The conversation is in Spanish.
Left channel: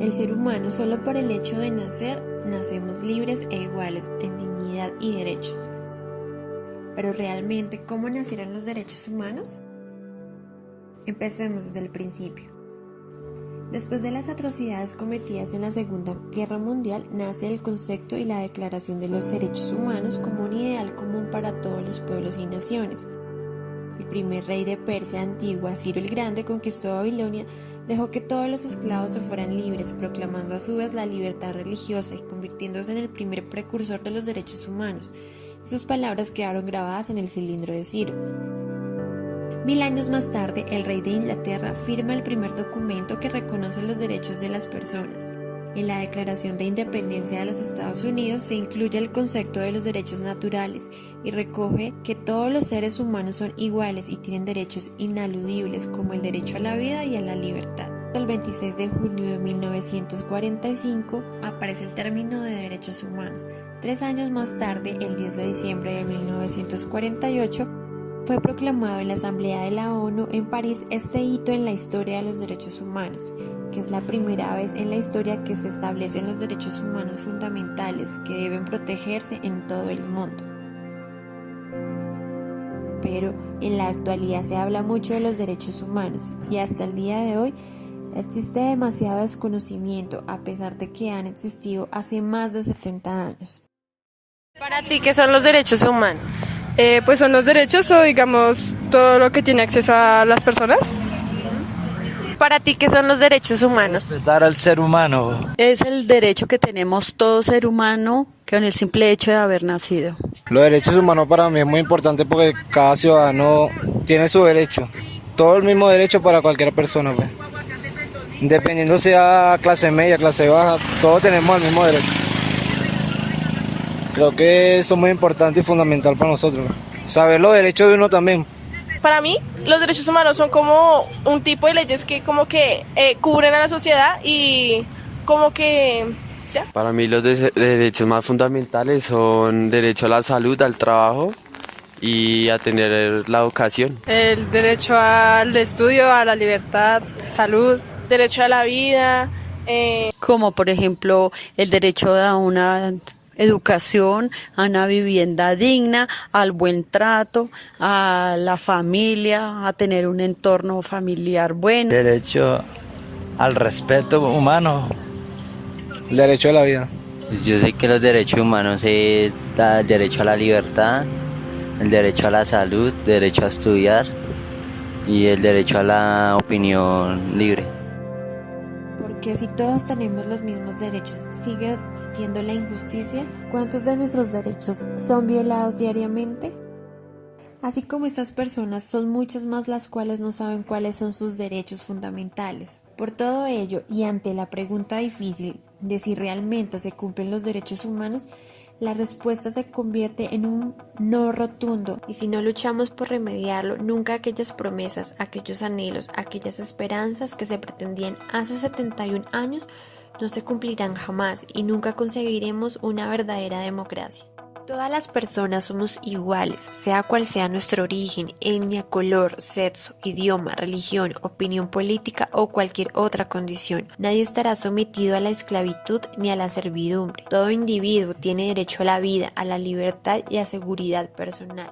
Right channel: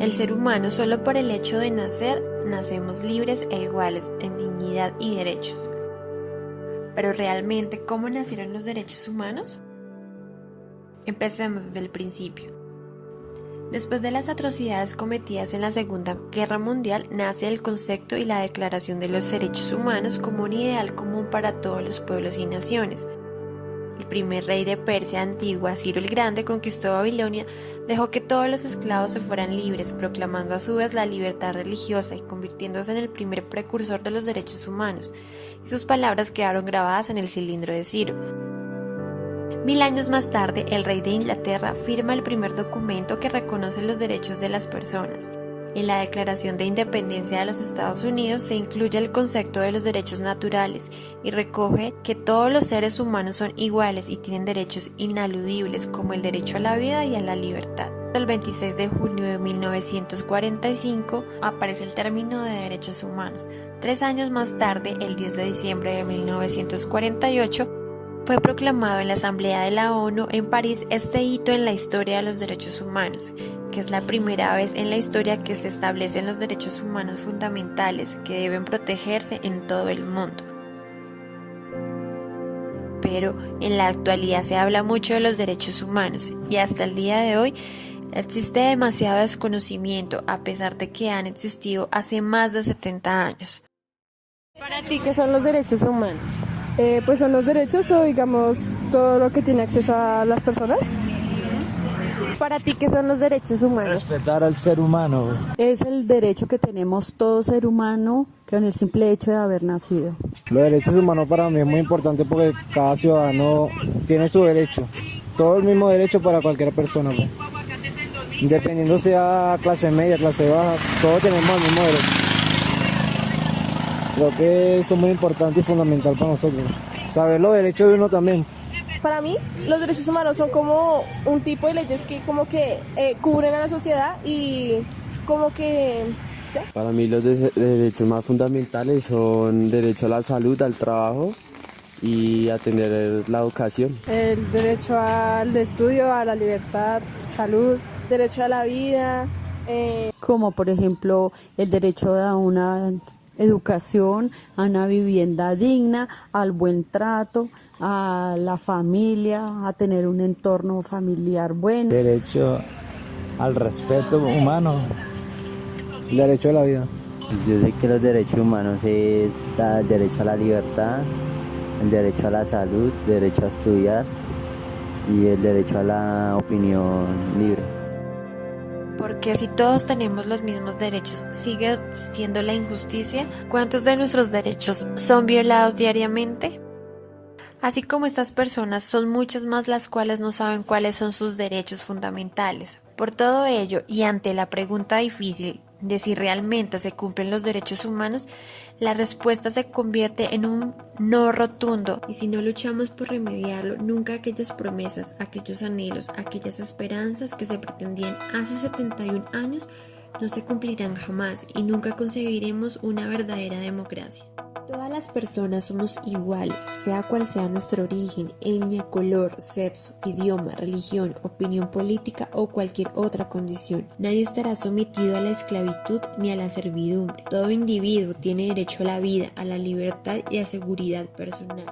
El ser humano, solo por el hecho de nacer, nacemos libres e iguales en dignidad y derechos. Pero realmente, ¿cómo nacieron los derechos humanos? Empecemos desde el principio. Después de las atrocidades cometidas en la Segunda Guerra Mundial, nace el concepto y la Declaración de los Derechos Humanos como un ideal común para todos los pueblos y naciones. El primer rey de Persia antigua, Ciro el Grande, conquistó Babilonia, dejó que todos los esclavos se fueran libres, proclamando a su vez la libertad religiosa y convirtiéndose en el primer precursor de los derechos humanos, y sus palabras quedaron grabadas en el cilindro de Ciro. 1000 años más tarde, el rey de Inglaterra firma el primer documento que reconoce los derechos de las personas. En la Declaración de Independencia de los Estados Unidos se incluye el concepto de los derechos naturales y recoge que todos los seres humanos son iguales y tienen derechos inaludibles como el derecho a la vida y a la libertad. El 26 de junio de 1945 aparece el término de derechos humanos. 3 años más tarde, el 10 de diciembre de 1948, fue proclamado en la Asamblea de la ONU en París este hito en la historia de los derechos humanos, que es la primera vez en la historia que se establecen los derechos humanos fundamentales que deben protegerse en todo el mundo. Pero en la actualidad se habla mucho de los derechos humanos y hasta el día de hoy existe demasiado desconocimiento a pesar de que han existido hace más de 70 años. Para ti, ¿qué son los derechos humanos? Pues son los derechos o digamos todo lo que tiene acceso a las personas. Para ti, ¿qué son los derechos humanos? Respetar al ser humano. Es el derecho que tenemos todo ser humano con el simple hecho de haber nacido. Los derechos humanos para mí es muy importante porque cada ciudadano tiene su derecho. Todo el mismo derecho para cualquier persona, pues. Independiendo sea clase media, clase baja, todos tenemos el mismo derecho. Creo que eso es muy importante y fundamental para nosotros. Saber los derechos de uno también. Para mí, los derechos humanos son como un tipo de leyes que como que cubren a la sociedad y como que... ¿ya? Para mí los derechos más fundamentales son derecho a la salud, al trabajo y a tener la educación. El derecho al estudio, a la libertad, salud. Derecho a la vida. Como por ejemplo el derecho a una educación, a una vivienda digna, al buen trato, a la familia, a tener un entorno familiar bueno. Derecho al respeto humano. El derecho a la vida. Pues yo sé que los derechos humanos es el derecho a la libertad, el derecho a la salud, el derecho a estudiar y el derecho a la opinión libre. Porque si todos tenemos los mismos derechos, ¿sigue existiendo la injusticia? ¿Cuántos de nuestros derechos son violados diariamente? Así como estas personas, son muchas más las cuales no saben cuáles son sus derechos fundamentales. Por todo ello, y ante la pregunta difícil de si realmente se cumplen los derechos humanos, la respuesta se convierte en un no rotundo, y si no luchamos por remediarlo, nunca aquellas promesas, aquellos anhelos, aquellas esperanzas que se pretendían hace 71 años no se cumplirán jamás y nunca conseguiremos una verdadera democracia. Todas las personas somos iguales, sea cual sea nuestro origen, etnia, color, sexo, idioma, religión, opinión política o cualquier otra condición. Nadie estará sometido a la esclavitud ni a la servidumbre. Todo individuo tiene derecho a la vida, a la libertad y a seguridad personal.